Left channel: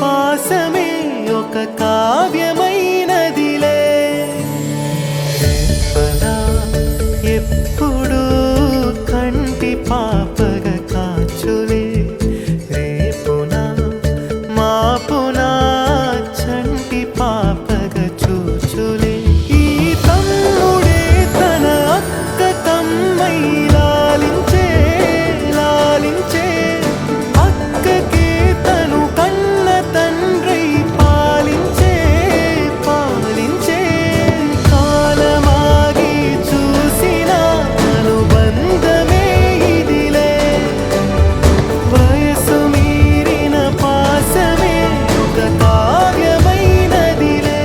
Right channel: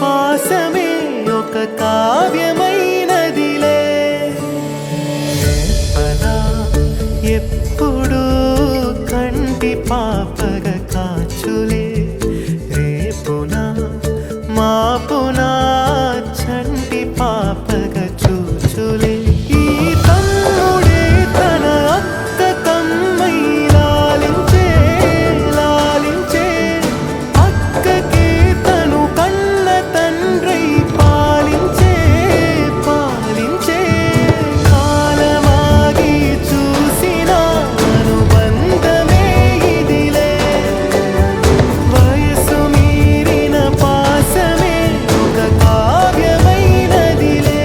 పాసమే ఒక కావ్యమైనదిలే. రేపనా ఎప్పుడు కంటి పాపగ కాచులే, రేపునా మాపునా చంటి పాపగ చూచులే. ఈ తమ్ముడే తన అక్క కమ్మై లాలించే లాలించే, అక్కకే తను కన్న తండ్రై పాలించే పాలించే. కాలమాగి చూసిన అనుబంధమే ఇదిలే, వయసు మీరిన పాసమే ఒక కావ్యమైనదిలే.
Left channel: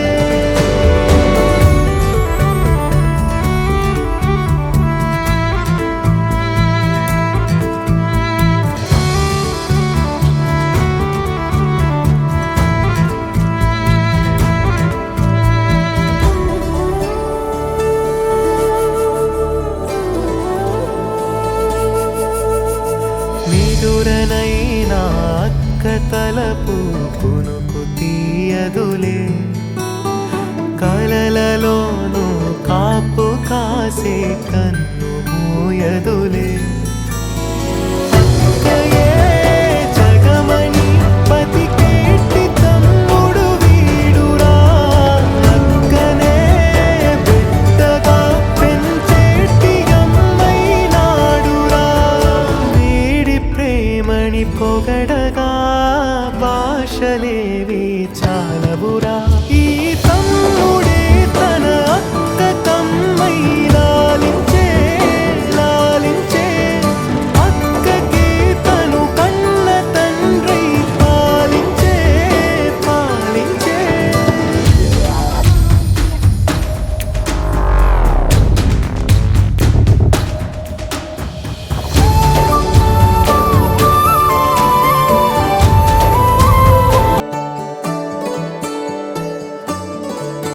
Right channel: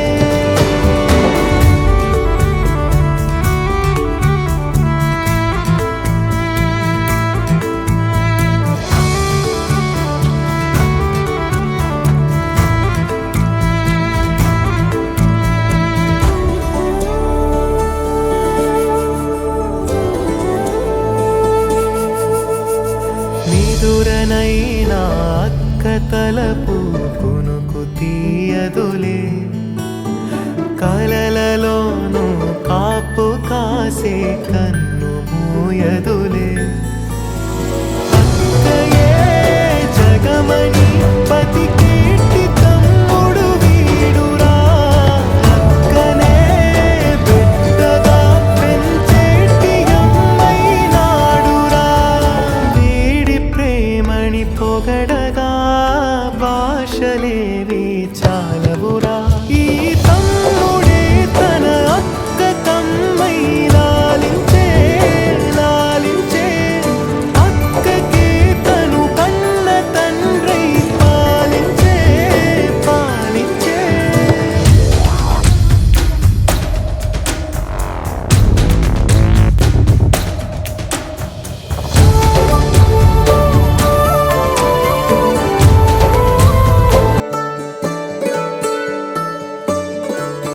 మిదురనైనా అక్క తలపు కునుకు తీయదులే, కలలలోనూ కాపు కాసే కన్ను మూయదులే. అక్కయే జగమణి బతికేటి తమ్ముడు వీడురా, అక్కనే బిడ్డగా పెంచేటి అమ్మైనాడురా. వీడి ప్రేమని పొగడగా భాషలేవి చాలవురా. ఈ తమ్ముడే తన అక్క కమ్మై